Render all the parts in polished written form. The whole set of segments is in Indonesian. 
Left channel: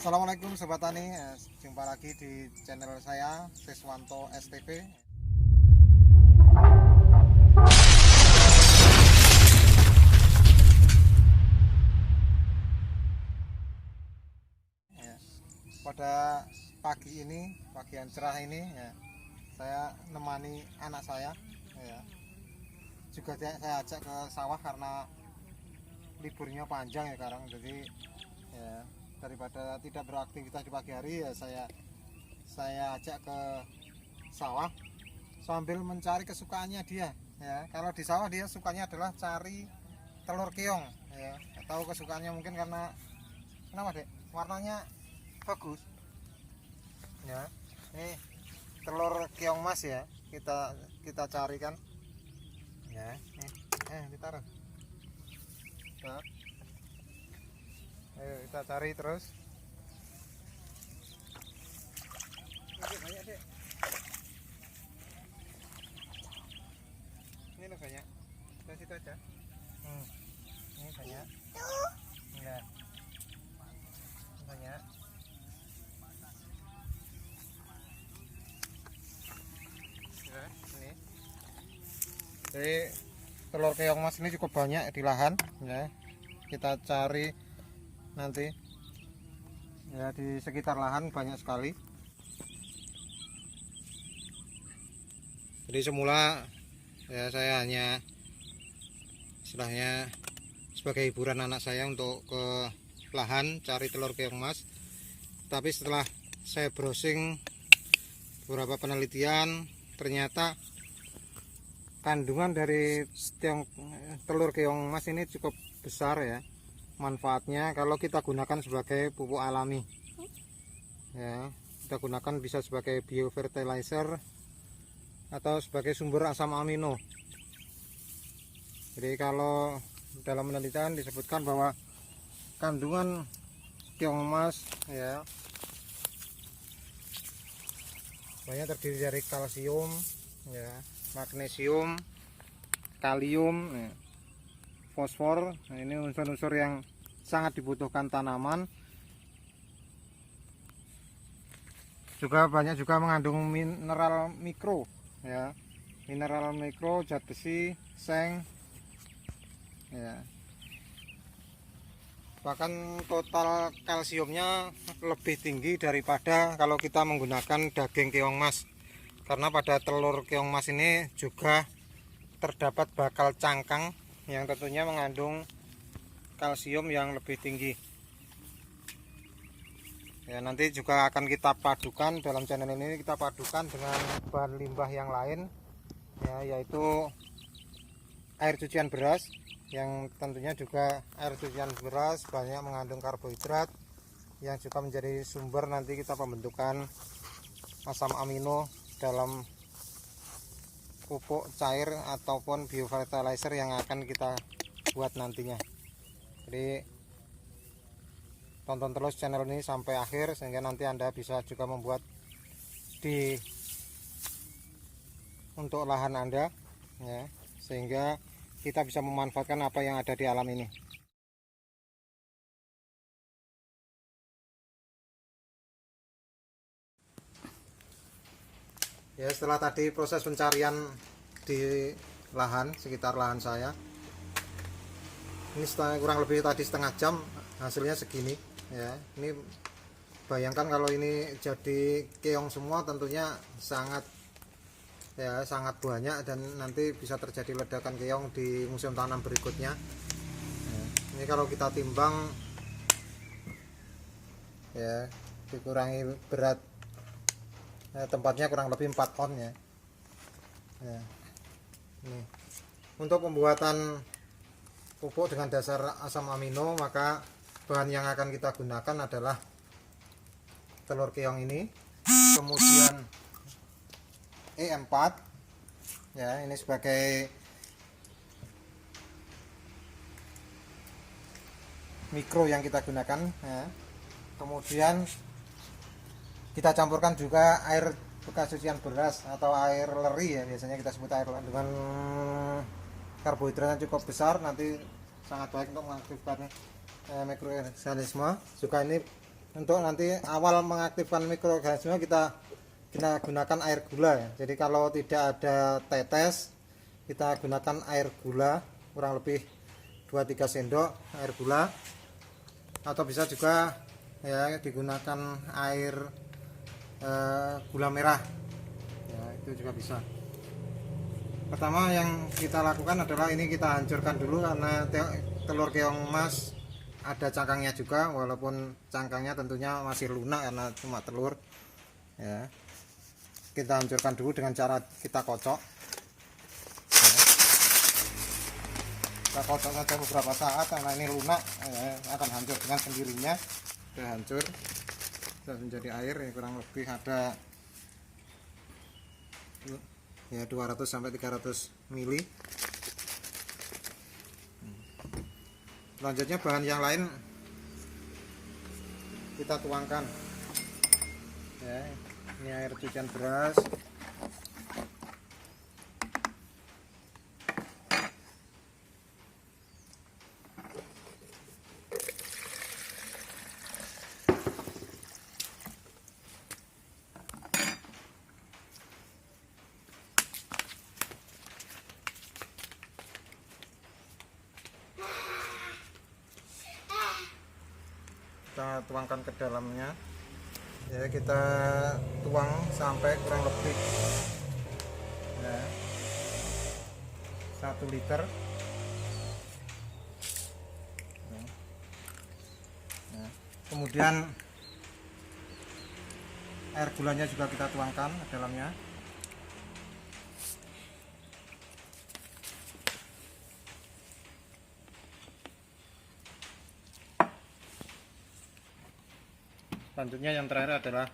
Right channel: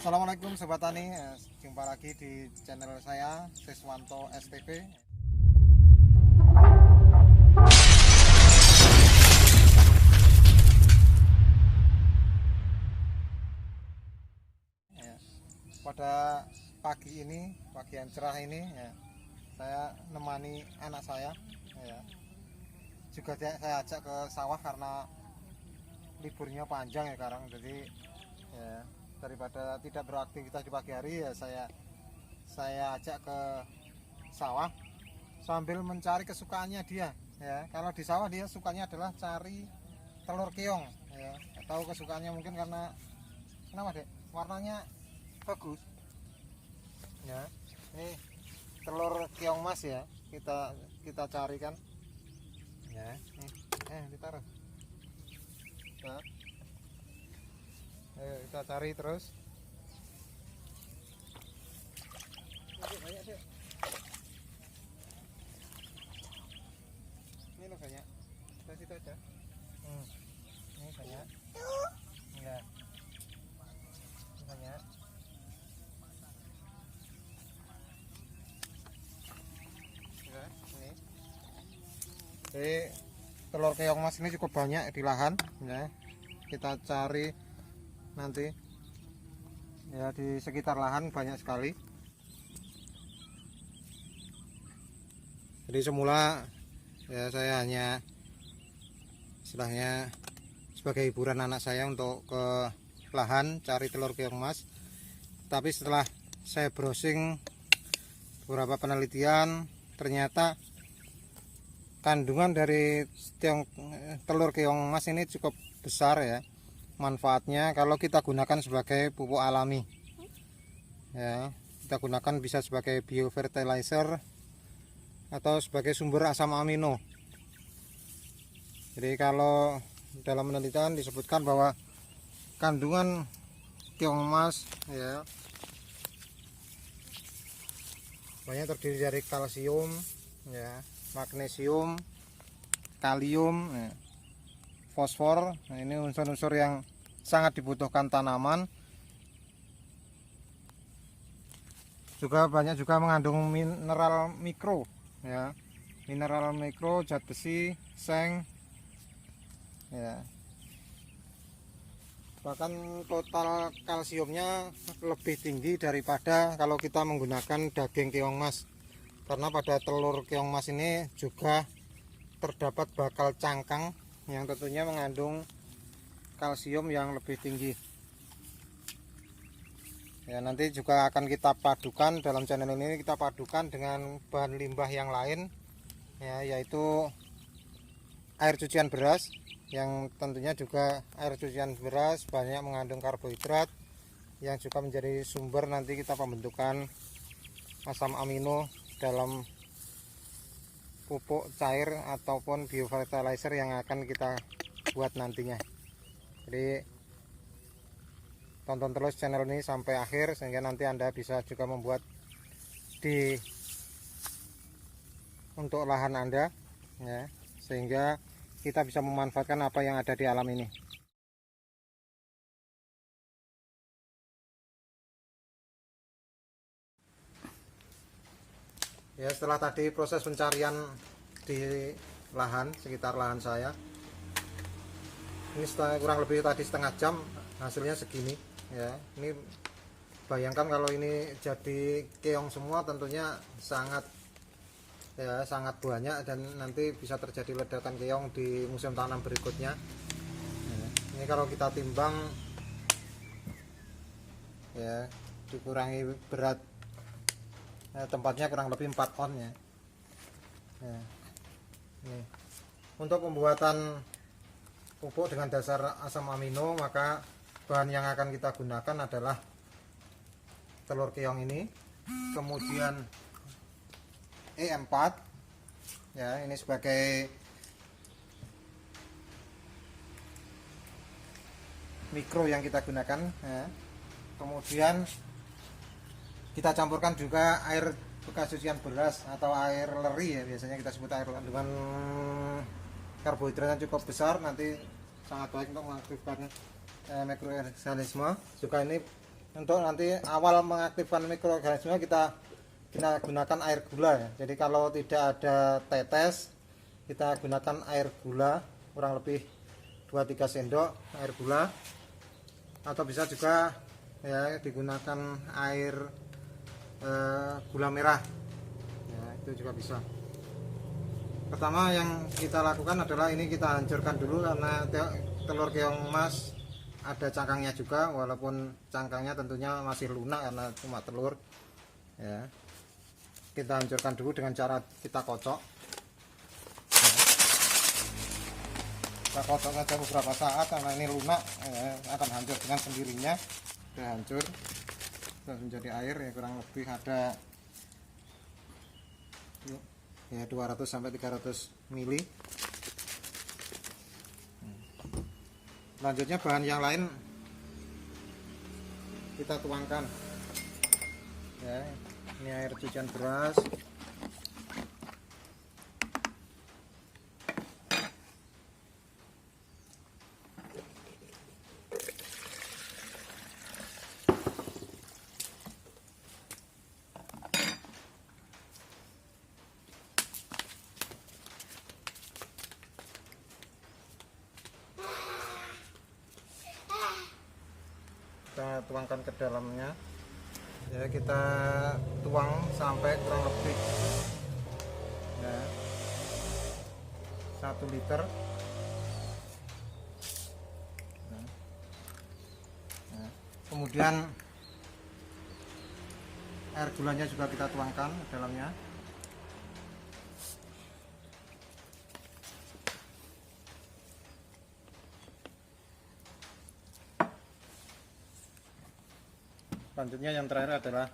Assalamualaikum Sobat Tani, jumpa lagi di channel saya Siswanto STP. Ya, pada pagi ini, pagi yang cerah ini, ya, saya nemani anak saya. Ya, juga saya ajak ke sawah karena liburnya panjang ya sekarang, jadi ya, daripada tidak beraktivitas di pagi hari ya saya ajak ke sawah sambil mencari kesukaannya dia. Ya, kalau di sawah dia sukanya adalah cari telur keong, ya. Tahu kesukaannya mungkin karena kenapa dek, warnanya bagus ya. Ini telur keong mas ya, kita carikan ya. Kita taruh. Nah, ayo kita cari terus. Ini banyak dek, ini loh banyak, kita situ aja. Ini banyak ya, ini banyak ya, ini. Jadi telur keong mas ini cukup banyak di lahan ya. Kita cari nanti ya, di sekitar lahan banyak sekali. Jadi semula ya saya hanya istilahnya sebagai hiburan anak saya untuk ke lahan cari telur keong mas, tapi setelah saya browsing beberapa penelitian, ternyata kandungan dari telur keong mas ini cukup besar ya manfaatnya kalau kita gunakan sebagai pupuk alami ya. Kita gunakan bisa sebagai biofertilizer atau sebagai sumber asam amino. Jadi kalau dalam penelitian disebutkan bahwa kandungan keong mas ya banyak terdiri dari kalsium ya, magnesium, kalium ya, fosfor. Nah, ini unsur-unsur yang sangat dibutuhkan tanaman. Juga banyak juga mengandung mineral mikro ya, mineral mikro, zat besi, seng ya. Bahkan total kalsiumnya lebih tinggi daripada kalau kita menggunakan daging keong mas, karena pada telur keong mas ini juga terdapat bakal cangkang yang tentunya mengandung kalsium yang lebih tinggi ya. Nanti juga akan kita padukan dalam channel ini, kita padukan dengan bahan limbah yang lain ya, yaitu air cucian beras, yang tentunya juga air cucian beras banyak mengandung karbohidrat yang juga menjadi sumber nanti kita pembentukan asam amino dalam pupuk cair ataupun biofertilizer yang akan kita buat nantinya. Jadi tonton terus channel ini sampai akhir sehingga nanti Anda bisa juga membuat untuk lahan Anda ya, sehingga kita bisa memanfaatkan apa yang ada di alam ini. Ya, setelah tadi proses pencarian di lahan, sekitar lahan saya, ini kurang lebih tadi setengah jam, hasilnya segini ya. Ini bayangkan kalau ini jadi keong semua, tentunya sangat banyak dan nanti bisa terjadi ledakan keong di musim tanam berikutnya ya. Ini kalau kita timbang ya, dikurangi berat ya, tempatnya kurang lebih 4 ton ya. Ini untuk pembuatan pupuk dengan dasar asam amino, maka bahan yang akan kita gunakan adalah telur keong ini, kemudian E4 ya, ini sebagai mikro yang kita gunakan ya. Kemudian kita campurkan juga air bekas cucian beras atau air leri ya, biasanya kita sebut air leri, dengan karbohidratnya cukup besar, nanti sangat baik untuk mengaktifkan mikroorganisme. Juga ini untuk nanti awal mengaktifkan mikroorganisme kita gunakan air gula ya. Jadi kalau tidak ada tetes, kita gunakan air gula kurang lebih 2-3 sendok air gula, atau bisa juga ya digunakan air gula merah ya, itu juga bisa. Pertama yang kita lakukan adalah ini kita hancurkan dulu, karena telur keong emas ada cangkangnya juga, walaupun cangkangnya tentunya masih lunak karena cuma telur ya. Kita hancurkan dulu dengan cara kita kocok ya. Kita kocok saja beberapa saat, karena ini lunak ya, akan hancur dengan sendirinya. Sudah hancur, sudah menjadi air ya, kurang lebih ada ya 200 sampai 300 mili. Selanjutnya bahan yang lain kita tuangkan ya. Ini air cucian beras, kita tuangkan ke dalamnya ya. Kita tuang sampai kurang lebih ya 1 liter ya. Nah, kemudian air gulanya juga kita tuangkan ke dalamnya. Selanjutnya yang terakhir adalah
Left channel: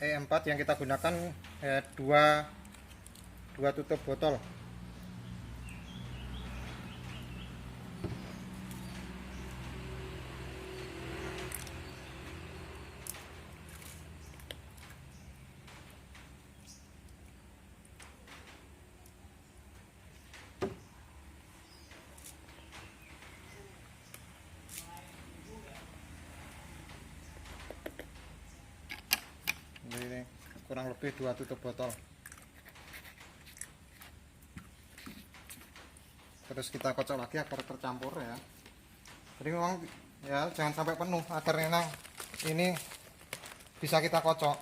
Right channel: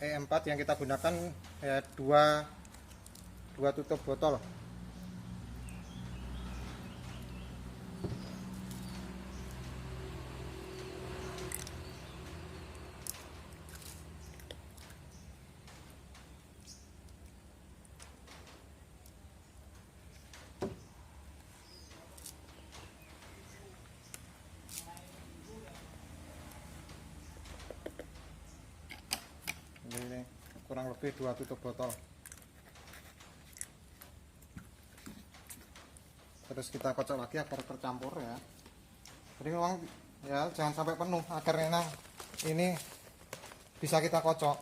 E4 yang kita gunakan ya, dua tutup botol. Ini kurang lebih 2 tutup botol. Terus kita kocok lagi agar tercampur ya. Jadi memang ya jangan sampai penuh agar ini bisa kita kocok.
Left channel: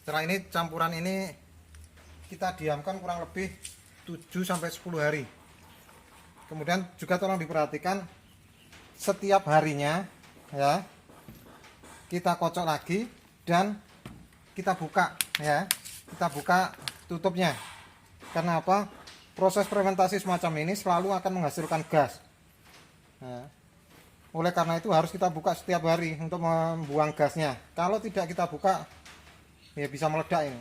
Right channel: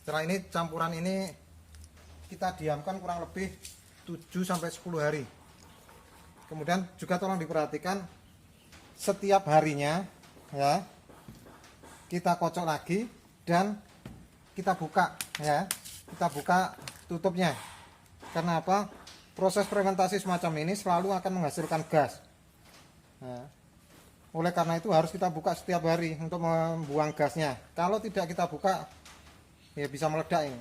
Setelah ini campuran ini kita diamkan kurang lebih 7 sampai 10 hari. Kemudian juga tolong diperhatikan setiap harinya ya. Kita kocok lagi dan kita buka ya. Kita buka tutupnya. Karena apa? Proses fermentasi semacam ini selalu akan menghasilkan gas. Ya. Oleh karena itu harus kita buka setiap hari untuk membuang gasnya. Kalau tidak kita buka ya bisa meledak ini.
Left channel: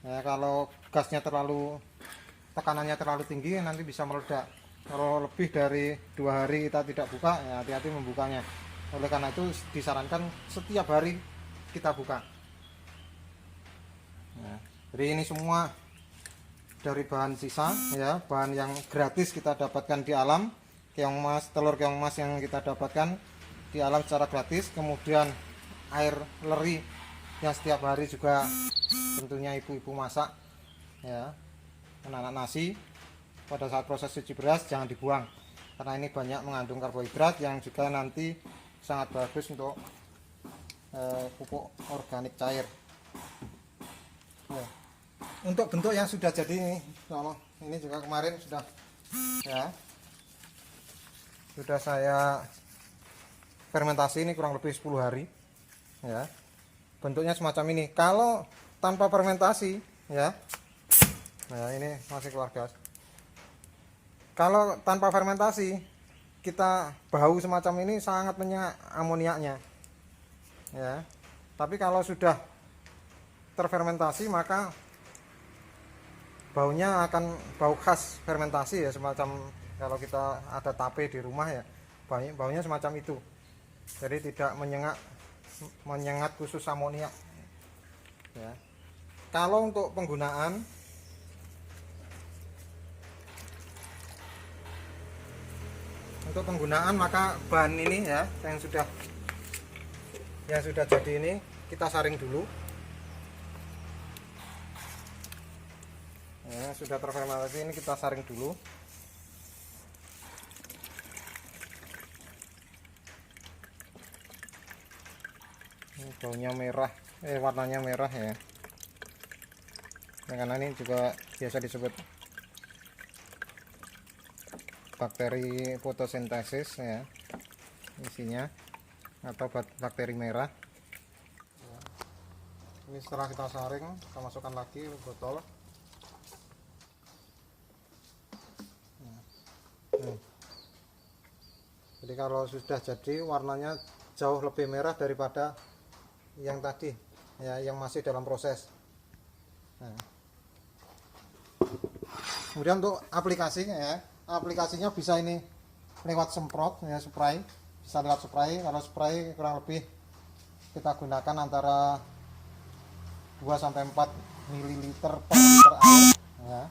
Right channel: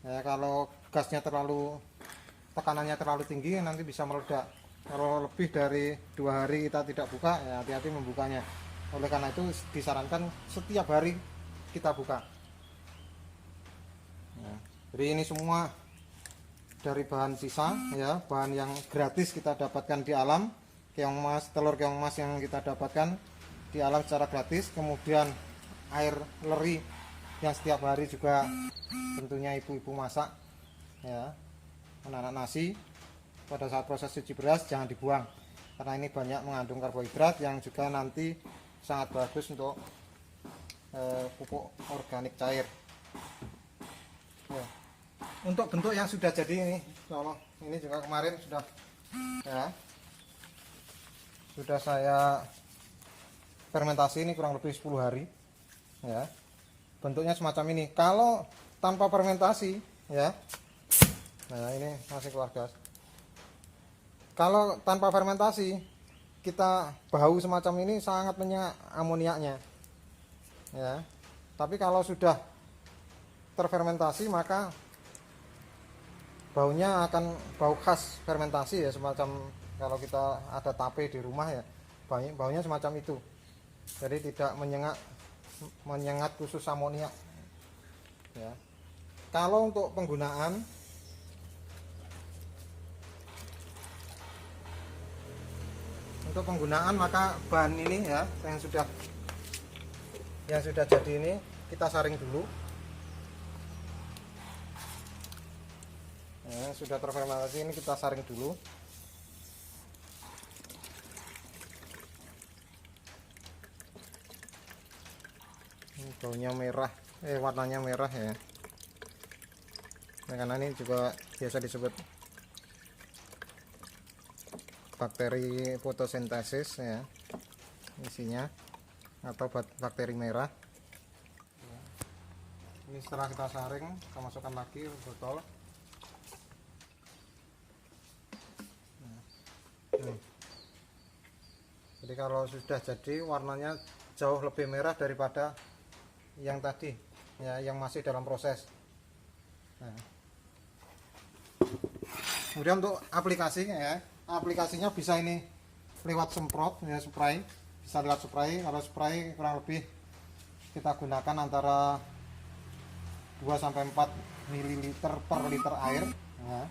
Ya, kalau gasnya tekanannya terlalu tinggi nanti bisa meledak. Kalau lebih dari 2 hari kita tidak buka ya hati-hati membukanya. Oleh karena itu disarankan setiap hari kita buka ya. Jadi ini semua dari bahan sisa ya, bahan yang gratis kita dapatkan di alam. Keong emas, telur keong emas yang kita dapatkan di alam secara gratis. Kemudian air leri yang setiap hari juga tentunya ibu-ibu masak ya, anak-anak nasi. Pada saat proses cuci beras jangan dibuang, karena ini banyak mengandung karbohidrat yang juga nanti sangat bagus untuk pupuk organik cair ya. Untuk bentuk yang sudah jadi ini juga kemarin sudah saya fermentasi, ini kurang lebih 10 hari ya. Bentuknya semacam ini. Kalau tanpa fermentasi ya, nah ini masih keluar gas. Kalau tanpa fermentasi kita bau semacam ini sangat menyengat amoniaknya ya. Tapi kalau sudah terfermentasi maka baunya akan bau khas fermentasi ya, semacam kalau kita ada tape di rumah ya, baunya semacam itu. Jadi tidak menyengat khusus amoniak ya. Kalau untuk penggunaan maka bahan ini ya yang sudah jadi ini kita saring dulu ya, sudah terfermentasi ini kita saring dulu. Ini baunya merah, warnanya merah ya. Nah, karena ini juga biasa disebut bakteri fotosintesis ya isinya, atau bakteri merah. Ini setelah kita saring, kita masukkan lagi ke botol. Jadi kalau sudah jadi warnanya jauh lebih merah daripada yang tadi ya, yang masih dalam proses. Nah. Kemudian untuk aplikasinya ya, aplikasinya bisa ini lewat semprot ya, spray, bisa lewat spray. Kalau spray kurang lebih kita gunakan antara 2-4 ml per liter air ya.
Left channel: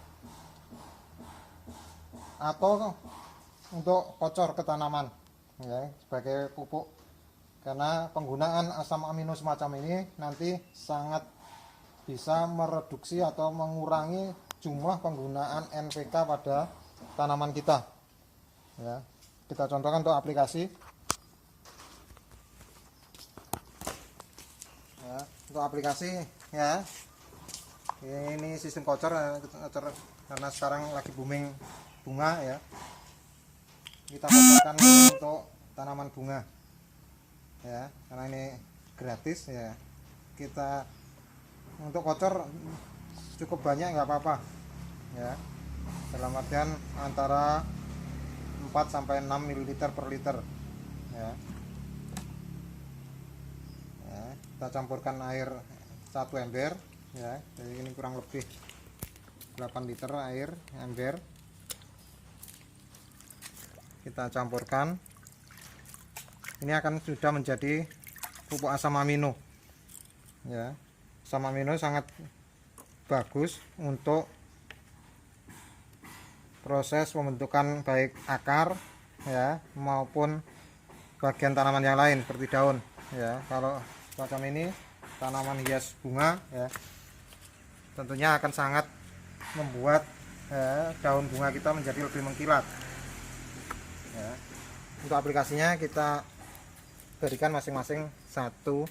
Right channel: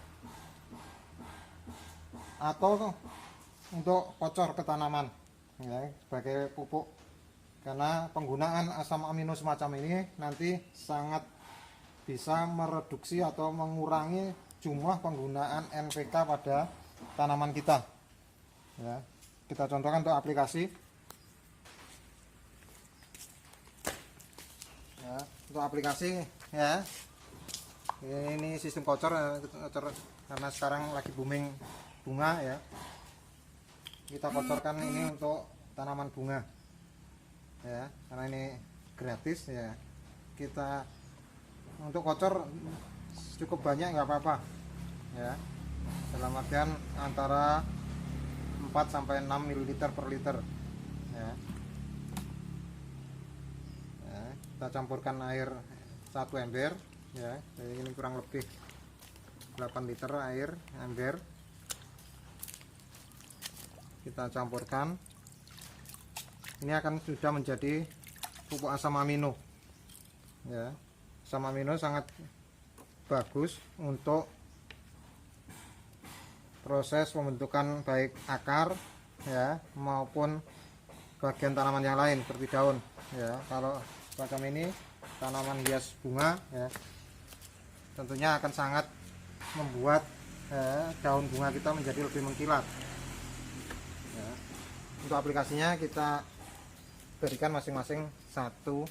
Atau untuk kocor ke tanaman ya, sebagai pupuk, karena penggunaan asam amino semacam ini nanti sangat bisa mereduksi atau mengurangi jumlah penggunaan NPK pada tanaman kita ya. Kita contohkan untuk aplikasi ya, untuk aplikasi ya, ini sistem kocor karena sekarang lagi booming bunga ya, kita kocorkan ini untuk tanaman bunga ya, karena ini gratis ya. Kita untuk kocor cukup banyak nggak apa-apa ya, dalam artian antara 4-6 ml per liter ya. Ya, kita campurkan air 1 ember ya, jadi ini kurang lebih 8 liter air ember. Kita campurkan, ini akan sudah menjadi pupuk asam amino ya. Asam amino sangat bagus untuk proses pembentukan baik akar ya maupun bagian tanaman yang lain seperti daun ya. Kalau semacam ini tanaman hias bunga ya, tentunya akan sangat membuat daun bunga kita menjadi lebih mengkilat ya. Untuk aplikasinya kita berikan masing-masing 1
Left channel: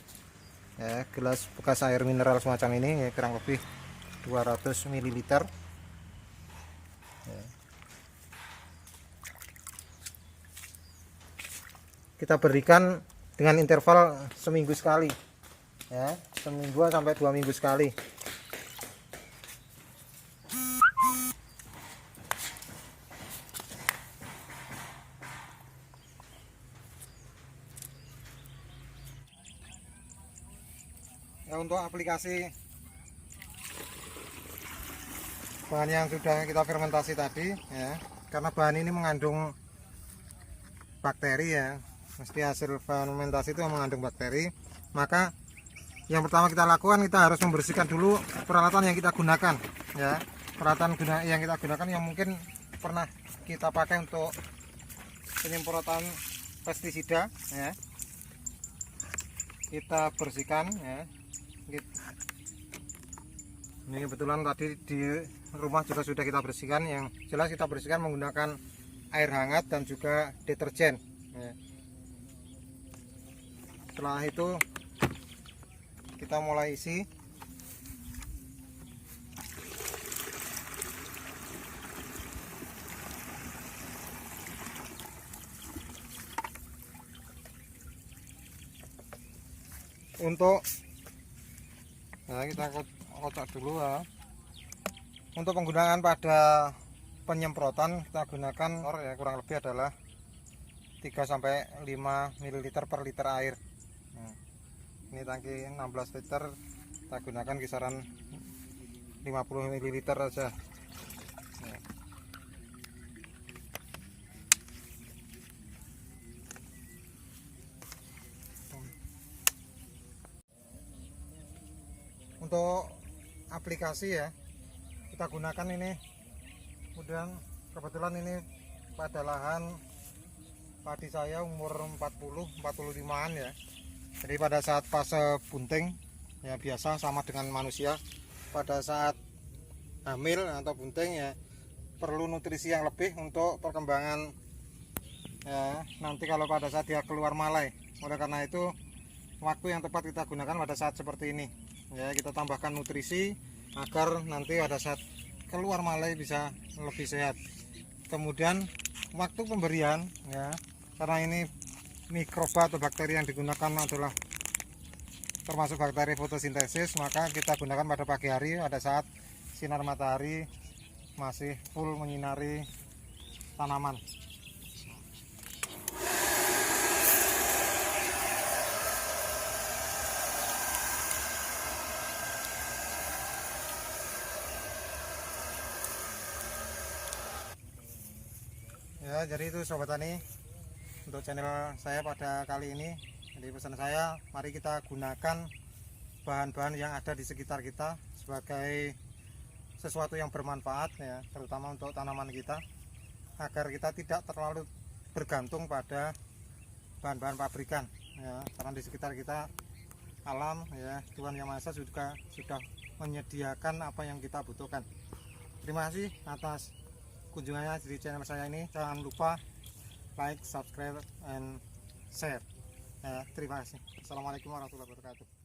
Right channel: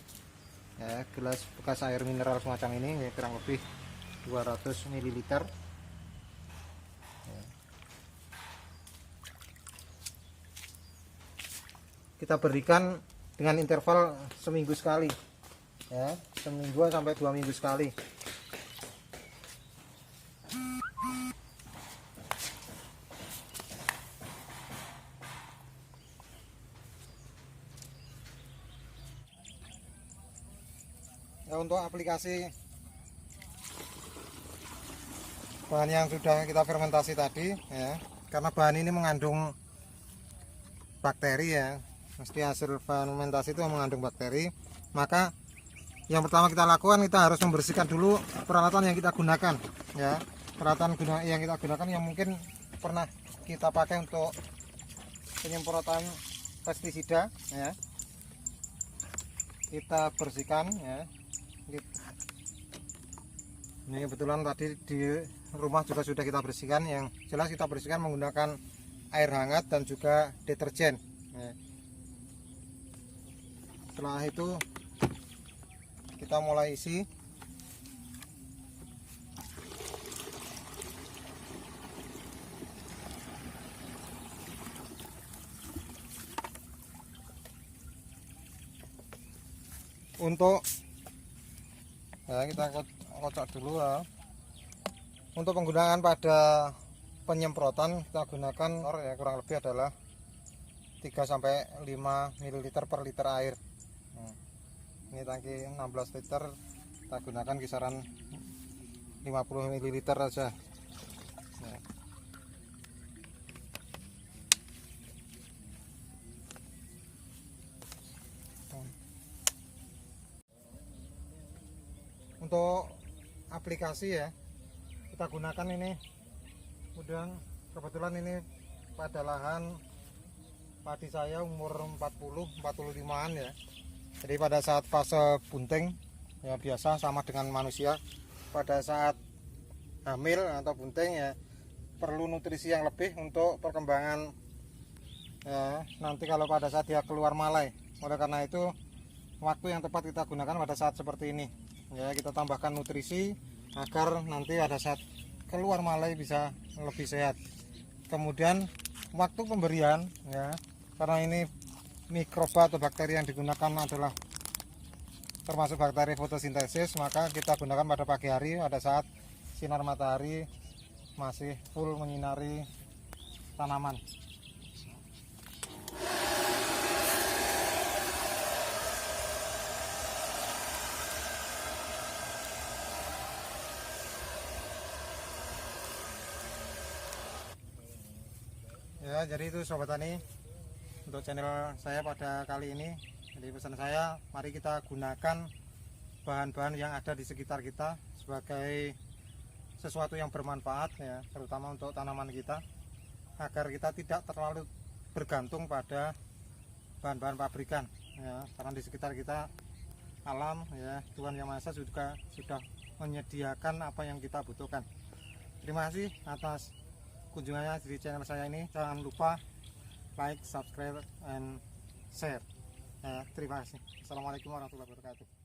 ya, gelas bekas air mineral semacam ini ya, kurang lebih 200 ml ya. Kita berikan dengan interval seminggu sekali ya, seminggu sampai 2 minggu sekali. Ya, untuk aplikasi bahan yang sudah kita fermentasi tadi ya, karena bahan ini mengandung bakteri ya, mesti hasil fermentasi itu mengandung bakteri, maka yang pertama kita lakukan, kita harus membersihkan dulu peralatan yang kita gunakan ya. Peralatan yang kita gunakan yang mungkin pernah kita pakai untuk penyemprotan pestisida ya, kita bersihkan ya. Ini kebetulan tadi di rumah juga sudah kita bersihkan. Yang jelas kita bersihkan menggunakan air hangat dan juga deterjen ya. Setelah itu kita mulai isi. Untuk ya, kita kocok dulu ya. Untuk penggunaan pada penyemprotan kita gunakan ya, kurang lebih adalah 3-5 ml per liter air. Nah, ini tangki 16 liter, kita gunakan kisaran 50 ml saja. Nah. Untuk aplikasi ya kita gunakan ini, kemudian kebetulan ini pada lahan padi saya umur 45an ya. Jadi pada saat fase bunting ya biasa sama dengan manusia, pada saat hamil atau bunting ya perlu nutrisi yang lebih untuk perkembangan ya, nanti kalau pada saat dia keluar malai. Oleh karena itu waktu yang tepat kita gunakan pada saat seperti ini ya, kita tambahkan nutrisi agar nanti pada saat keluar malai bisa lebih sehat. Kemudian waktu pemberian ya, karena ini mikroba atau bakteri yang digunakan adalah termasuk bakteri fotosintesis, maka kita gunakan pada pagi hari pada saat sinar matahari masih full menyinari tanaman. Ya, jadi itu sobat tani untuk channel saya pada kali ini. Jadi pesan saya, mari kita gunakan bahan-bahan yang ada di sekitar kita sebagai sesuatu yang bermanfaat ya, terutama untuk tanaman kita, agar kita tidak terlalu bergantung pada bahan-bahan pabrikan ya, karena di sekitar kita alam ya, Tuhan Yang Maha Esa juga sudah menyediakan apa yang kita butuhkan. Terima kasih atas kunjungannya di channel saya ini. Jangan lupa like, subscribe, and share ya, terima kasih. Assalamualaikum warahmatullahi wabarakatuh.